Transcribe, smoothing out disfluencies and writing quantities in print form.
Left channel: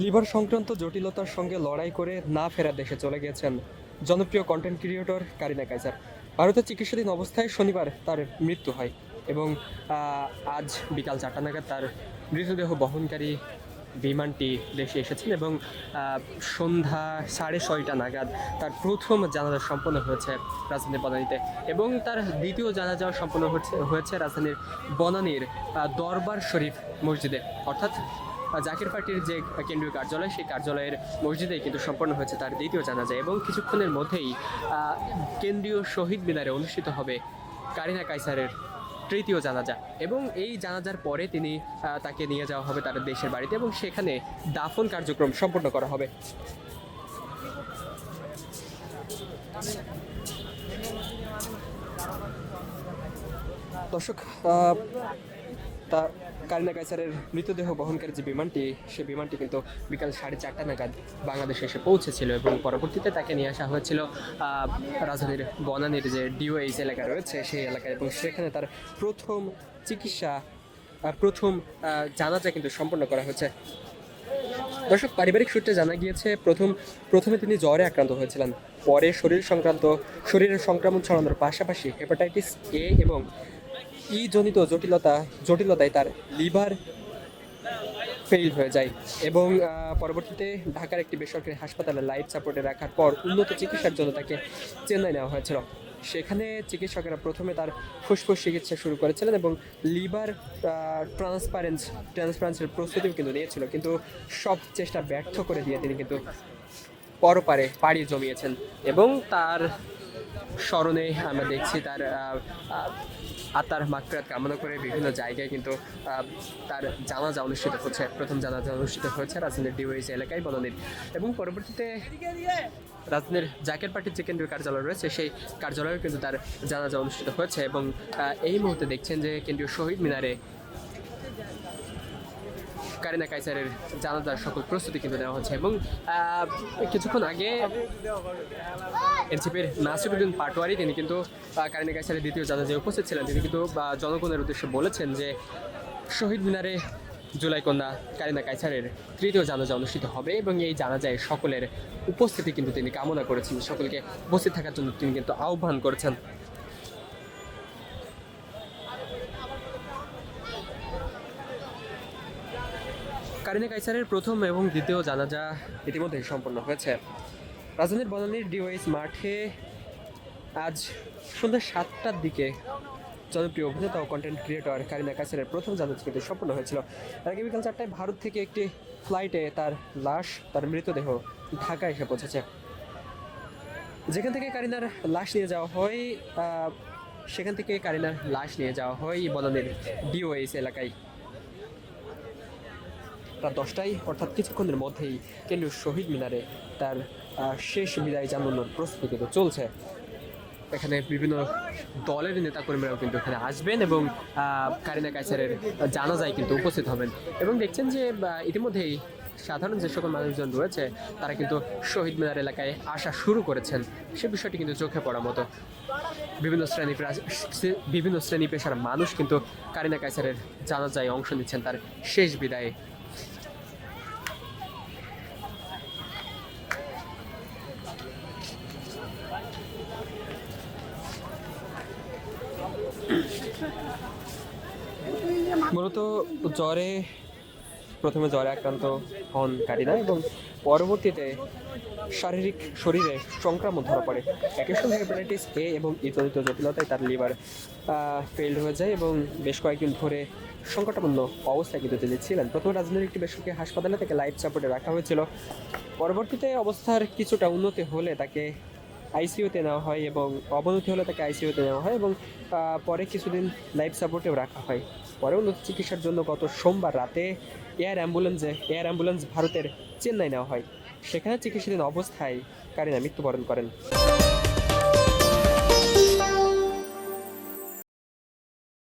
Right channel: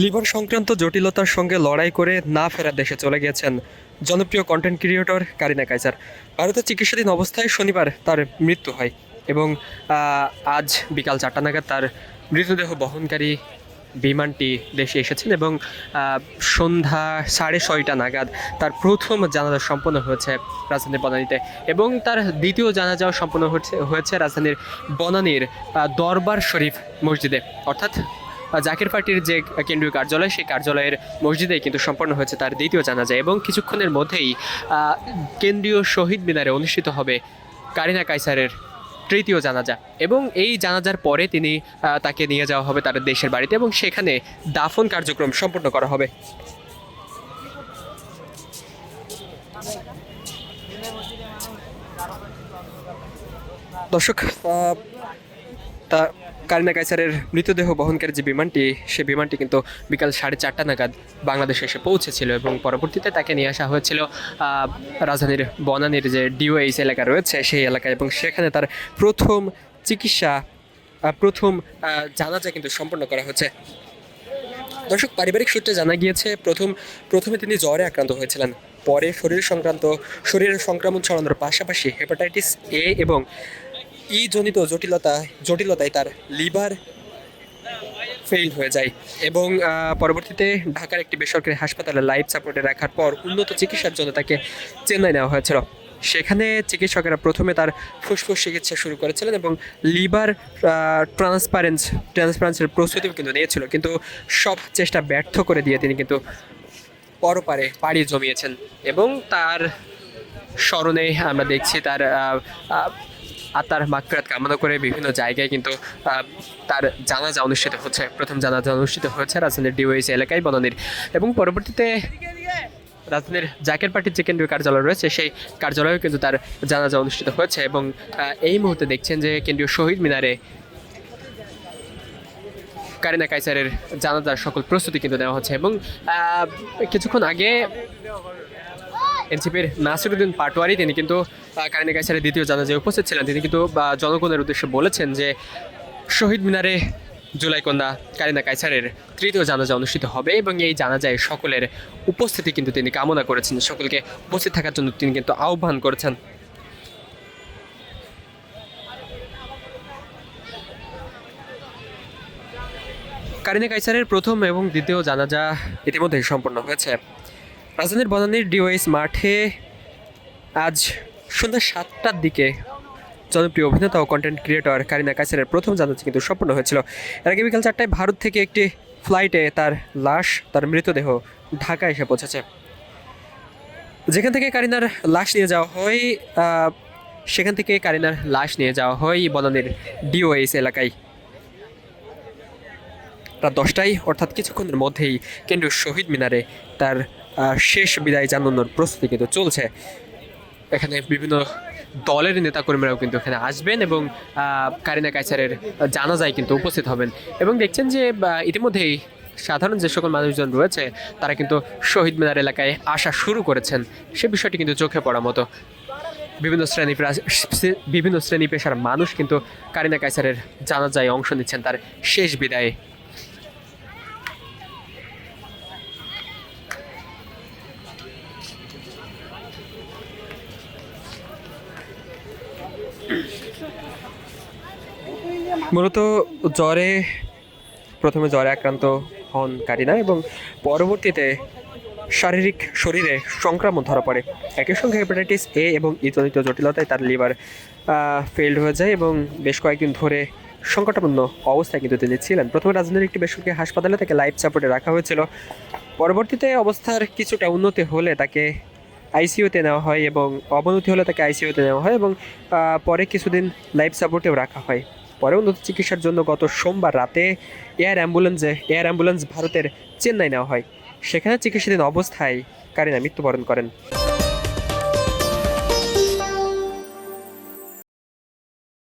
Liver সংক্রান্ত জটিলতার সঙ্গে লড়াই করে না ফেরার দেশে চলে গিয়েছেন জনপ্রিয় কন্টেন্ট ক্রিয়েটর কারিনা কাইসার। ভারতে চিকিৎসাধীন অবস্থায় শনিবার তার মৃত্যু হয় এবং আজ বিকাল 4টা নাগাদ তার মৃতদেহ বহনকারী বিমানটি দেশে এসেছেন এবং সন্ধ্যা 6:30 নাগাদ তার প্রথম জানাজা সম্পন্ন হয়েছে রাজধানীর বনানীতে এবং তার দ্বিতীয় জানাজাও সম্পন্ন হয়েছে রাজধানীর বনানীর দরবার শরীফ মসজিদে, অর্থাৎ জাকের পার্টির যে কেন্দ্রীয় কার্যালয় সেই কার্যালয়ের মসজিদেই কিন্তু সম্পন্ন হয়েছে তার দ্বিতীয় জানাজা এবং কিছুক্ষণের মধ্যেই কেন্দ্রীয় শহীদ মিনারে অনুষ্ঠিত হবে কারিনা কাইসারের তৃতীয় জানাজা এবং এই জানাজার পরে তাকে নিয়ে যাওয়া হবে তার দেশের বাড়িতে এবং সেখানে দাফন কার্যক্রম সম্পন্ন করা হবে। দর্শক, তা কারিনা কাইসারের মৃতদেহ বহনকারী যে বিমানটি, সে বিমানটি কিন্তু বিকাল 4:30 নাগাদ বাংলাদেশে এসে পৌঁছেছিল এবং পরবর্তীতে তাকে নিয়ে আসা হয়েছিল রাজধানীর বনানীর যে ডিওএইচ এলাকা রয়েছে সেই এলাকায় এবং সেখানে তার প্রথম জানাজা কিন্তু সম্পন্ন করা হচ্ছে। দর্শক, পারিবারিক সূত্রে জানা গিয়েছে প্রথমে তিনি জ্বরে আক্রান্ত হয়েছিলেন, পরে শরীরের সংক্রমণ ছড়ানোর পাশাপাশি হেপাটাইটিস এ এবং জনিত জটিলতায় তার লিভার ফেইল হয়ে যায় এবং পরবর্তীতে ঢাকার একটি বেসরকারি হাসপাতালে লাইফ সাপোর্টে রাখার পর উন্নত চিকিৎসার জন্য তাকে চেন্নাই নেওয়া হয়েছিল। সেখানে চিকিৎসকেরা প্রথমে তার ফুসফুস চিকিৎসা শুরু করেছিলেন এবং লিভার ট্রান্সপ্লান্টের প্রস্তুতিও কিন্তু নিয়েছিল, কিন্তু সব চেষ্টা ব্যর্থ করে দিয়ে তিনি কিন্তু পরপারে পাড়ি জমিয়েছেন এবং তার স্মরণে আমরা দেখছি তার আত্মার মাগফিরাত কামনা করে বিভিন্ন জায়গায় কিন্তু তার জানাজা অনুষ্ঠিত হচ্ছে। প্রথম জানাজা অনুষ্ঠিত হয়েছে রাজধানীর ডিওএইচ এলাকায় বনানীর এবং পরবর্তীতে রাজধানীর জাকের পার্টির যে কেন্দ্রীয় কার্যালয় রয়েছে সেই কার্যালয়েও কিন্তু তার জানাজা অনুষ্ঠিত হয়েছে এবং এই মুহূর্তে দেখছেন যে কেন্দ্রীয় শহীদ মিনারে কারিনা কাইসারের জানাজার সকল প্রস্তুতি কিন্তু নেওয়া হচ্ছে এবং কিছুক্ষণ আগে এনসিপির নাসিরুদ্দিন পাটোয়ারি তিনি কিন্তু কারিনা কাইসারের দ্বিতীয় জানাজায় উপস্থিত ছিলেন। তিনি কিন্তু জনগণের উদ্দেশ্যে বলেছেন যে শহীদ মিনারে জুলাই কন্যা কারিনা কাইসারের তৃতীয় জানাজা অনুষ্ঠিত হবে এবং এই জানাজায় সকলের উপস্থিতি কিন্তু তিনি কামনা করেছেন, সকলকে উপস্থিত থাকার জন্য তিনি কিন্তু আহ্বান করেছেন। কারিনা কাইসারের প্রথম এবং দ্বিতীয় জানাজা ইতিমধ্যেই সম্পন্ন হয়েছে। রাজধানীর বনানীর ডিওএইচ মাঠে আজ সন্ধ্যা 7টার দিকে জনপ্রিয় অভিনেতা ও কন্টেন্ট ক্রিয়েটর কারিনা কাইসারের প্রথম জানাজা কিন্তু সম্পন্ন হয়েছিল। এর আগে বিকাল 4টায় ভারত থেকে একটি ফ্লাইটে তার মৃতদেহ ঢাকায় এসে পৌঁছেছে। যেখান থেকে কারিনার লাশ নিয়ে যাওয়া হয় বনানীর ডিওএইচ এলাকায় রাত 10টায়, অর্থাৎ কিছুক্ষণের মধ্যেই কেন্দ্রীয় শহীদ মিনারে তার শেষ বিদায় জানানোর প্রস্তুতি কিন্তু চলছে। এখানে বিভিন্ন দলের নেতাকর্মীরাও কিন্তু এখানে আসবেন এবং কারিনা কাইসারের জানাজায় কিন্তু উপস্থিত হবেন এবং দেখছেন যে ইতিমধ্যেই সাধারণ যে সকল মানুষজন রয়েছে তারা কিন্তু শহীদ মিনার এলাকায় আসা শুরু করেছেন। সে বিষয়টি কিন্তু চোখে পড়ার মতো। বিভিন্ন শ্রেণী পেশার মানুষ কিন্তু কারিনা কাইসারের জানাজায় অংশ নিচ্ছেন তার শেষ বিদায়ে। মূলত প্রথমে জ্বরে আক্রান্ত হন কারিনা এবং পরবর্তীতে শরীরে সংক্রমণ ধরা পড়ে। একই সঙ্গে হেপাটাইটিস এ এবং জনিত জটিলতায় তার লিভার ফেইল্ড হয়ে যায় এবং বেশ কয়েকদিন ধরে সংকটাপন্ন অবস্থায় কিন্তু তিনি ছিলেন। প্রথমে রাজধানীর একটি বেসরকারি হাসপাতালে তাকে লাইফ সাপোর্টে রাখা হয়েছিল। পরবর্তীতে অবস্থার কিছুটা উন্নতি হলে তাকে আইসিইউতে নেওয়া হয় এবং অবনতি হলে তাকে আইসিইউতে নেওয়া হয় এবং পরে কিছুদিন লাইফ সাপোর্টেও রাখা হয়। পরে উন্নত চিকিৎসার জন্য গত সোমবার রাতে এয়ার অ্যাম্বুলেন্স ভারতের চেন্নাই নেওয়া হয়। সেখানে চিকিৎসাধীন অবস্থায় কারিনা মৃত্যুবরণ করেন।